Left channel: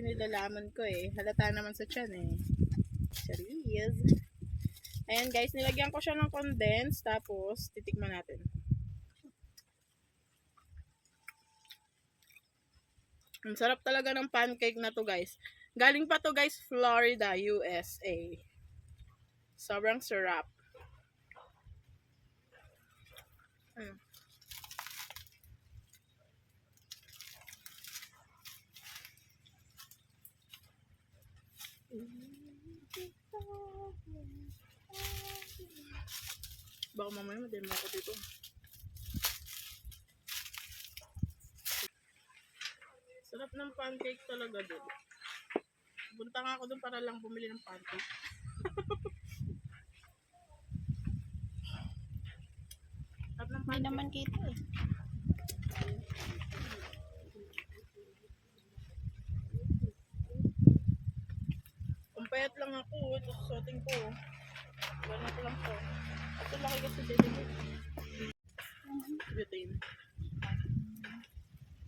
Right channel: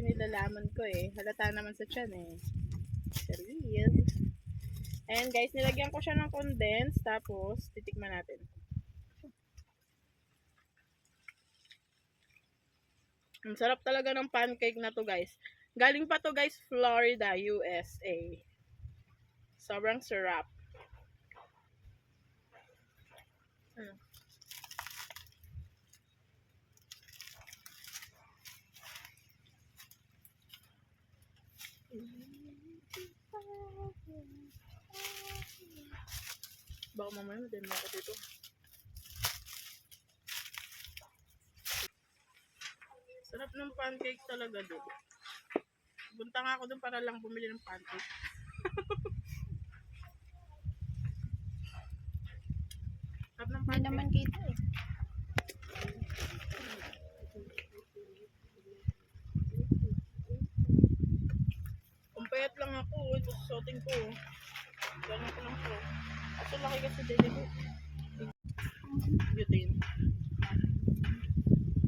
kasi nilalaman ko eh. Halata naman sa tiyan eh. Charis. Ayan guys, nilagyan ko siya ng condense. Tapos, titikman natin. Ang sarap talaga ng pancake na to guys. Galing pa to guys, Florida, USA. Sobrang sarap. Baka mamaya madami ako dito. Sarap ng pancake talaga doon. Punta nga ako doon para lang bumili ng pancake. Sarap ng Hindi pancake. naman kita eh. Kumpayat lang ako. Ito susuotin ko. Ganun ko lang po. Ito laki kasi dede ko. Butane.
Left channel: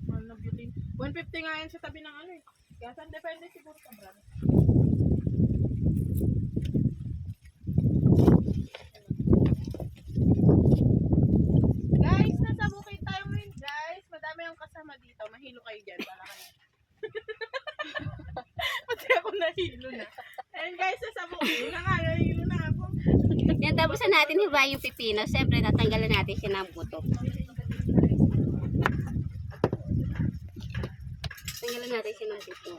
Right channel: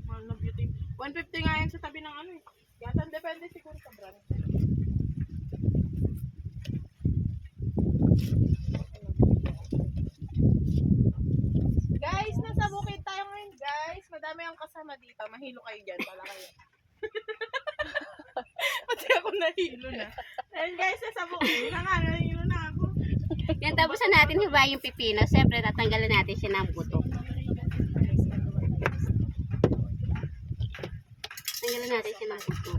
Mahal na butane. 150 nga yan sa tabi ng ano eh. Kaya saan depende siguro sa brand. Guys, nasa bukid tayo ngayon guys. Madami ang kasama dito. Mahilo kayo dyan. Pala kayo. Pati ako nahilo na. Ayun guys, nasa bukid na nga. Nahilo na ako. Yan, tapos na natin hiwain yung pipino. Siyempre, tatanggalin natin siya ng buto. Tanggalin natin siya ng buto.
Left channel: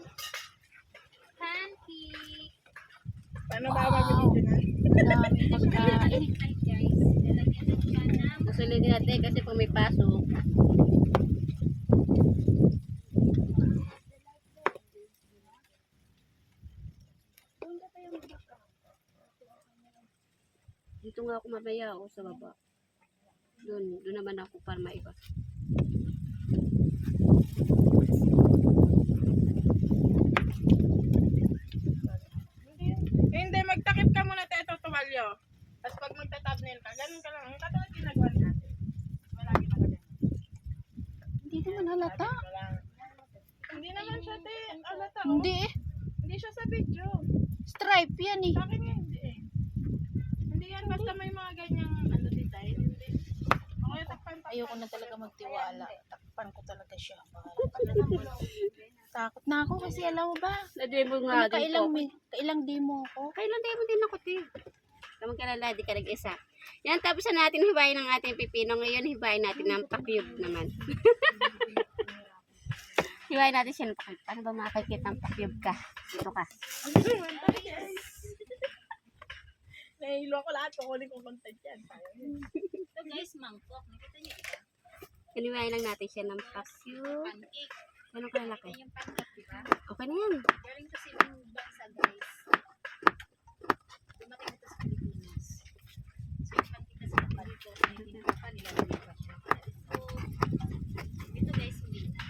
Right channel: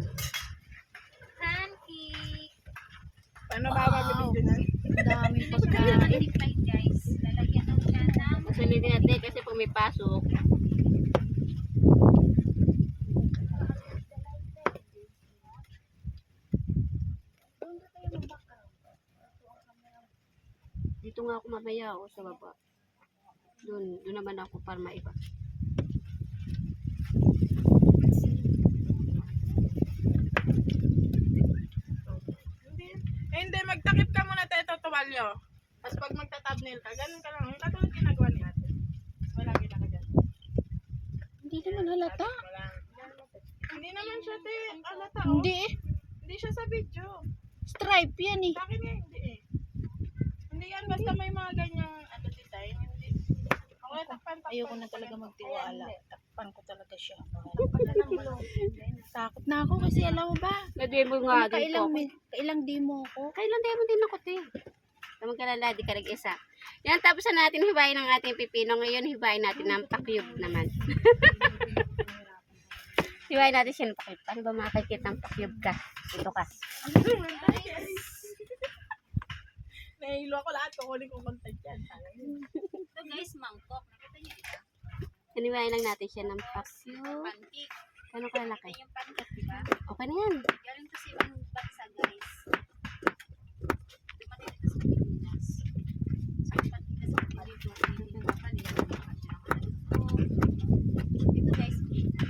Pancake. Paano ba gagawin dyan? Daming pagkain. Guys, lalagyan na siya ng Susulitin natin kasi kung may pasok. Dito nga ako mamaya o sa baba. Doon naman ako para maiba. Hindi, magtakip ka muna tayo tumalyo. Tapos pag magta-thumbnail ka, ganun ka lang. Yung katulad ginagawa ni ate. Wala ginagawa dyan. Hindi naman halata. Hindi naman siya alata. Hindi eh. Hindi siya sa video. Stripe yan eh. Sa akin nga hindi eh. Hindi yan, basta may mga ganyang design. Hindi. Okay, takpan. Ayoko na talaga magtiwala. Takpan ko talaga siya. Takot na ako kasi alam mo ba? Nademo nga Kailang, dito. kailang demo ko. Kailan tayo mo din ako, te? Kamang kalala, di ka nag-isa. Yan, tapos na natin hiwain ang ating pipino. Ngayon, hiwain natin ng pakyub naman. Hiwain natin siya ng pakyub. Paano ba makakikita ng pakyub ka? Dito ka. Nahilo ko lahat. Kukunin kong content yan. ito guys, mangkok. Nakita niyo ito? Hiniwain lang natin siya ng pakyub. Pancake. Ano kalalaki? Ito yung pancake, di ba? Okay na yan. Galing to sa ibang bansa, guys. Dumating ito sa Pilipinas. So, pancake kasi dito. Hindi pa nilalagay pa siya. Ito guys, hindi na.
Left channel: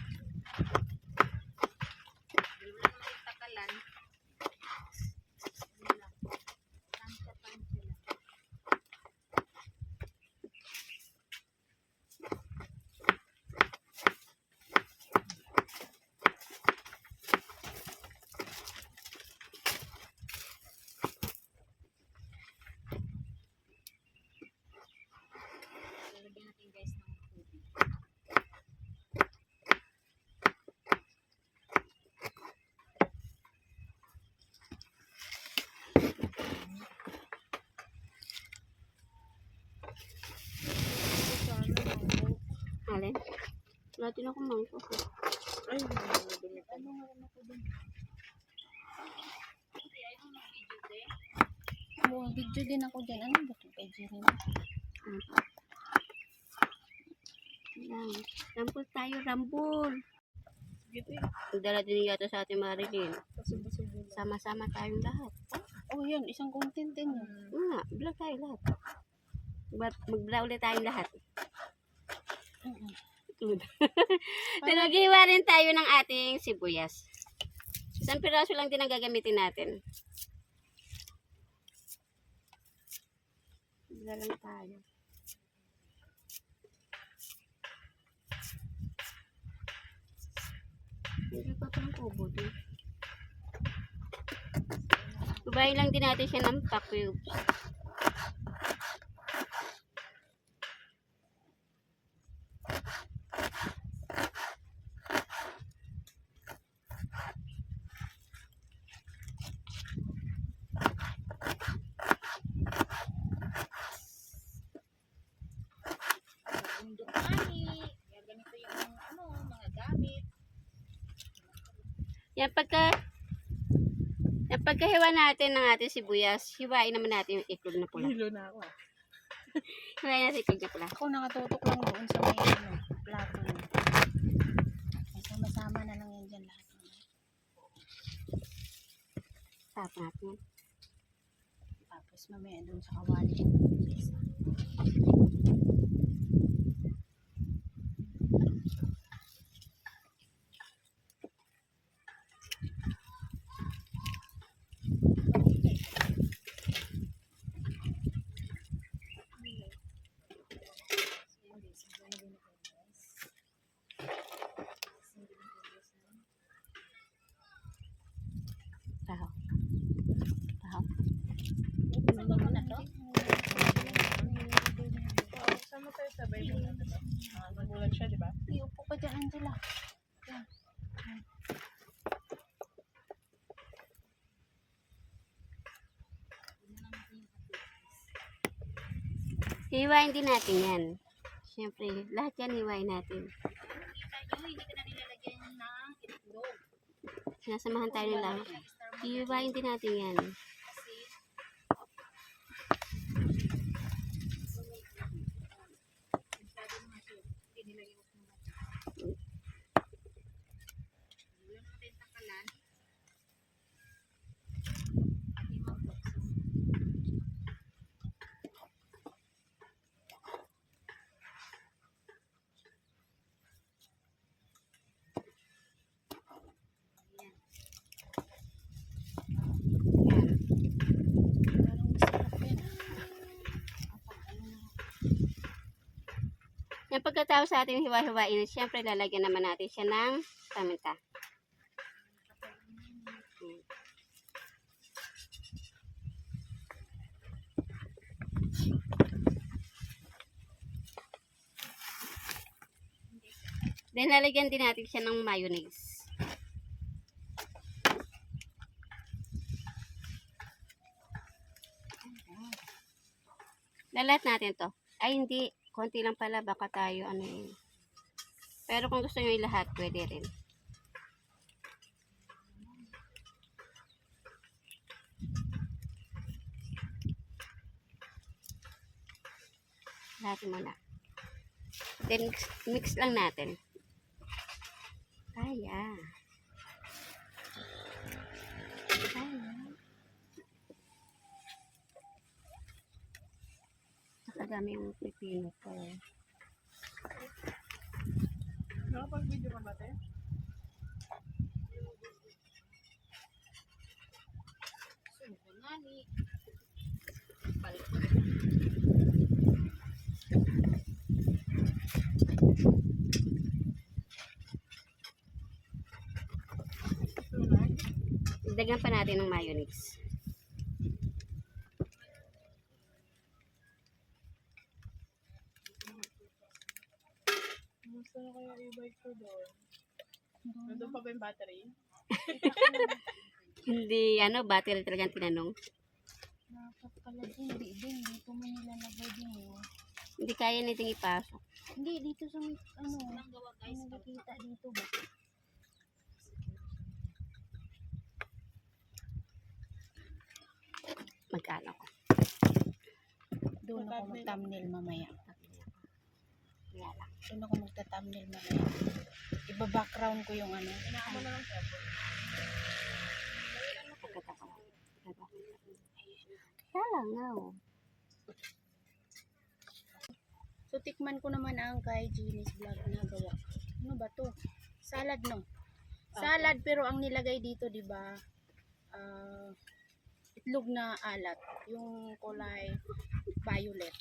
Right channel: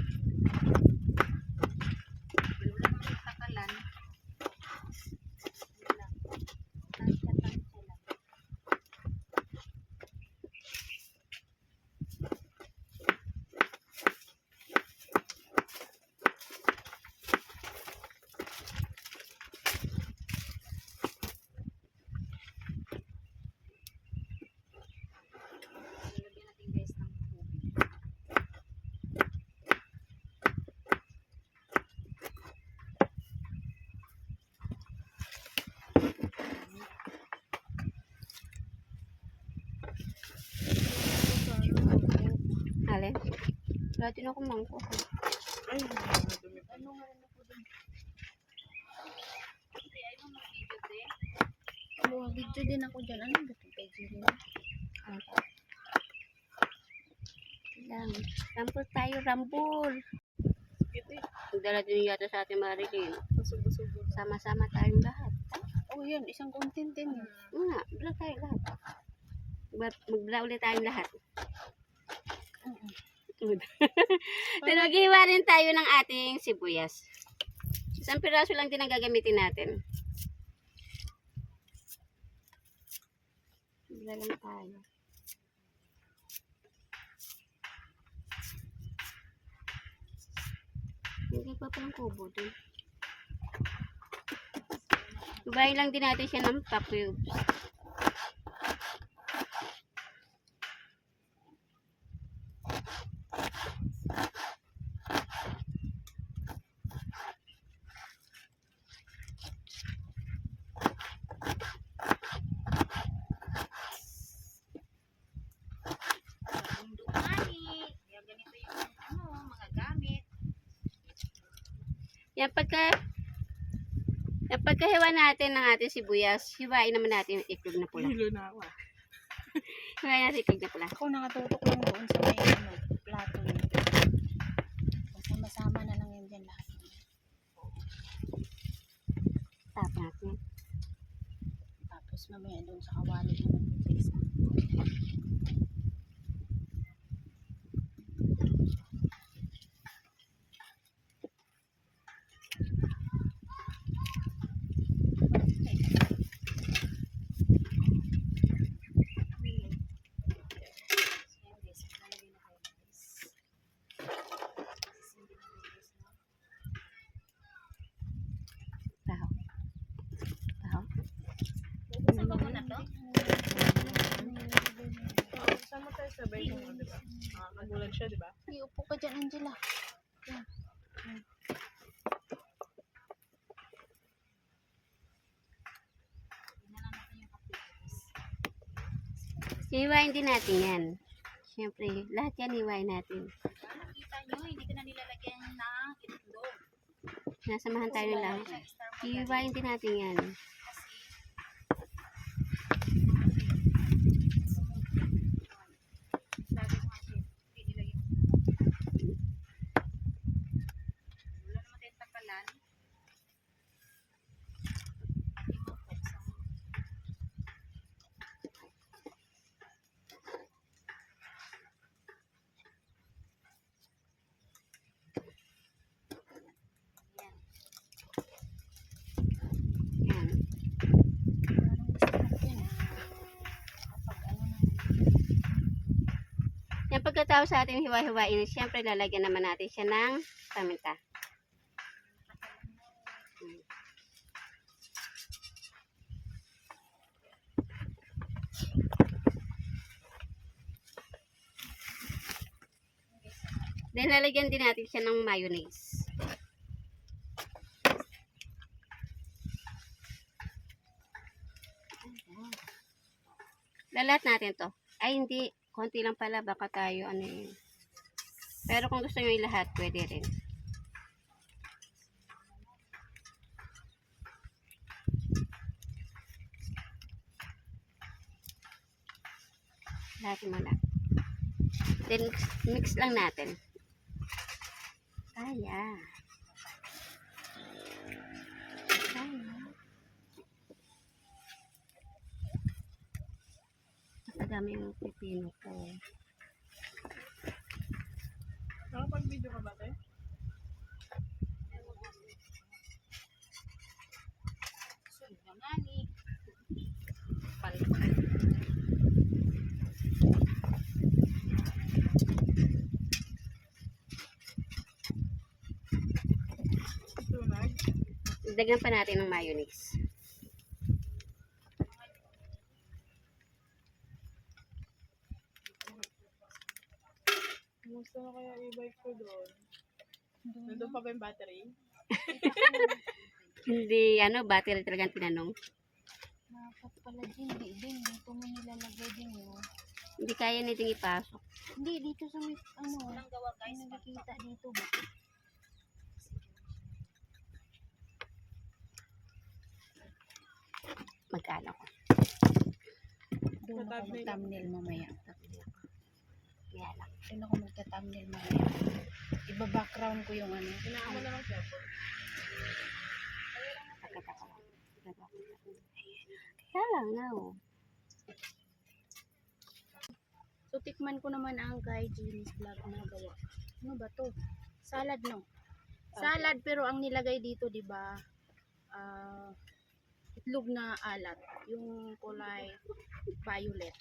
Wala naman yung takalan. Wala. Tansya lang. Lalagyan natin guys ng tubig. Alin? Wala din ako mangkok. Ay, madumi pa. Ano nga rin ako dun? Hindi, ay nung mag-video din. Oh, video din ako dyan. Ano ba ito? Pwede rin. Lang. Rambol tayo, rambol. Gito eh. Nagdala din yata sa ating Marilyn. Pasubo-subo na. Sama-sama tayong lahat. Oh, yun. Isang content din yun. Nga, vlog tayo lahat. Mag-vlog ulit tayong lahat. Tinaghiwa rin tayo ng ating sibuyas. Isang piraso lang din ang gagamitin natin. Bigla lang tayo. Hindi pa palang kubo dun. Hiwain lang din natin siya ng pa-cubes. Bundok mani. Yan, ganito yung ano, mga gamit. Yan pagkahiwa natin ng ating sibuyas, hiwain naman natin yung iklog na pula. Hilo na ako. Hiwain natin yung iklog na pula. Ako nakatutok lang doon sa may ano, plato niya. Sama-sama na lang yan dyan lahat. Tapos natin yan. Tapos mamaya doon sa kawali naman yung isa. Taho. Taho. Sama mo na to. Sama tayo sabay mo, diba? Nagulat siya, diba? Iupo ka dyan, Angela. Hiwain din natin yan. Siyempre, lahat yan hiwain natin. Ano kita nyo, hindi ko na nilalagyan ng itlog. Sinasamahan tayo ng lang. Hiwain din natin yan. Kasi, sabi mo kasi, hindi nilagyan mo. Wala naman tayong takalan. At yung mabuksan. Yan. Yan. Parang masarap yan. Kapag ano na. Yan pagkatapos sa ating hiwa-hiwain, siyempre lalagyan naman natin siya ng paminta. Then lalagyan din natin siya ng mayonnaise. Lalat natin to. Ay hindi, konti lang pala, baka tayo ano yun. Pero kung gusto nyo ilahat, pwede rin. Lahat mo na. Then mix lang natin. Kaya. Nakadami yung pipino ko. Nakapag-video ka ba, te? Sunod na mani. Tunay. Dagdagan pa natin ng mayonnaise. Kumusta na kaya e-bike ko doon? Nandun pa ba yung battery? Hindi, battery talagang tinanong. Dapat pala din, dito mo nilalagay din yun. Hindi kaya natin ipasok. Hindi, dito sa may, ano, Ang gawa guys, may nakikita dito ba? Magkano ko. Doon ako mag-thumbnail mamaya. Kaya lang. Doon ako magta-thumbnail mamaya. Iba-background ko yung ano. Inaano na lang siya po. Pagkatapos lang. Kaya lang nga oh. So, tikman ko naman ang kay Jeannie's Vlog na gawa. Ano ba to? Salad, no? Salad, pero ang nilagay dito, di ba? Itlog na alat. Yung kulay violet.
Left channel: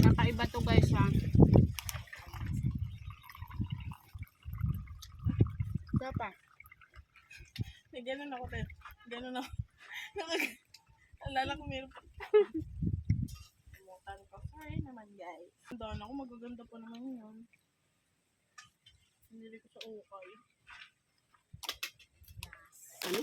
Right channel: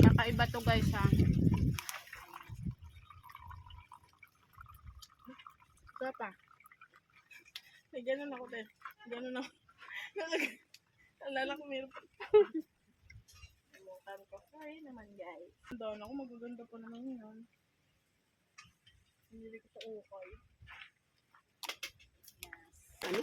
Kakaiba to, guys, ha? Wala pa. May ganun ako, te. Ganun ako. Alala ko meron pa. Kalimutan ko. Sorry naman, guys. Doon ako, magaganda pa naman yun. Hindi ko sa ukay. Ano?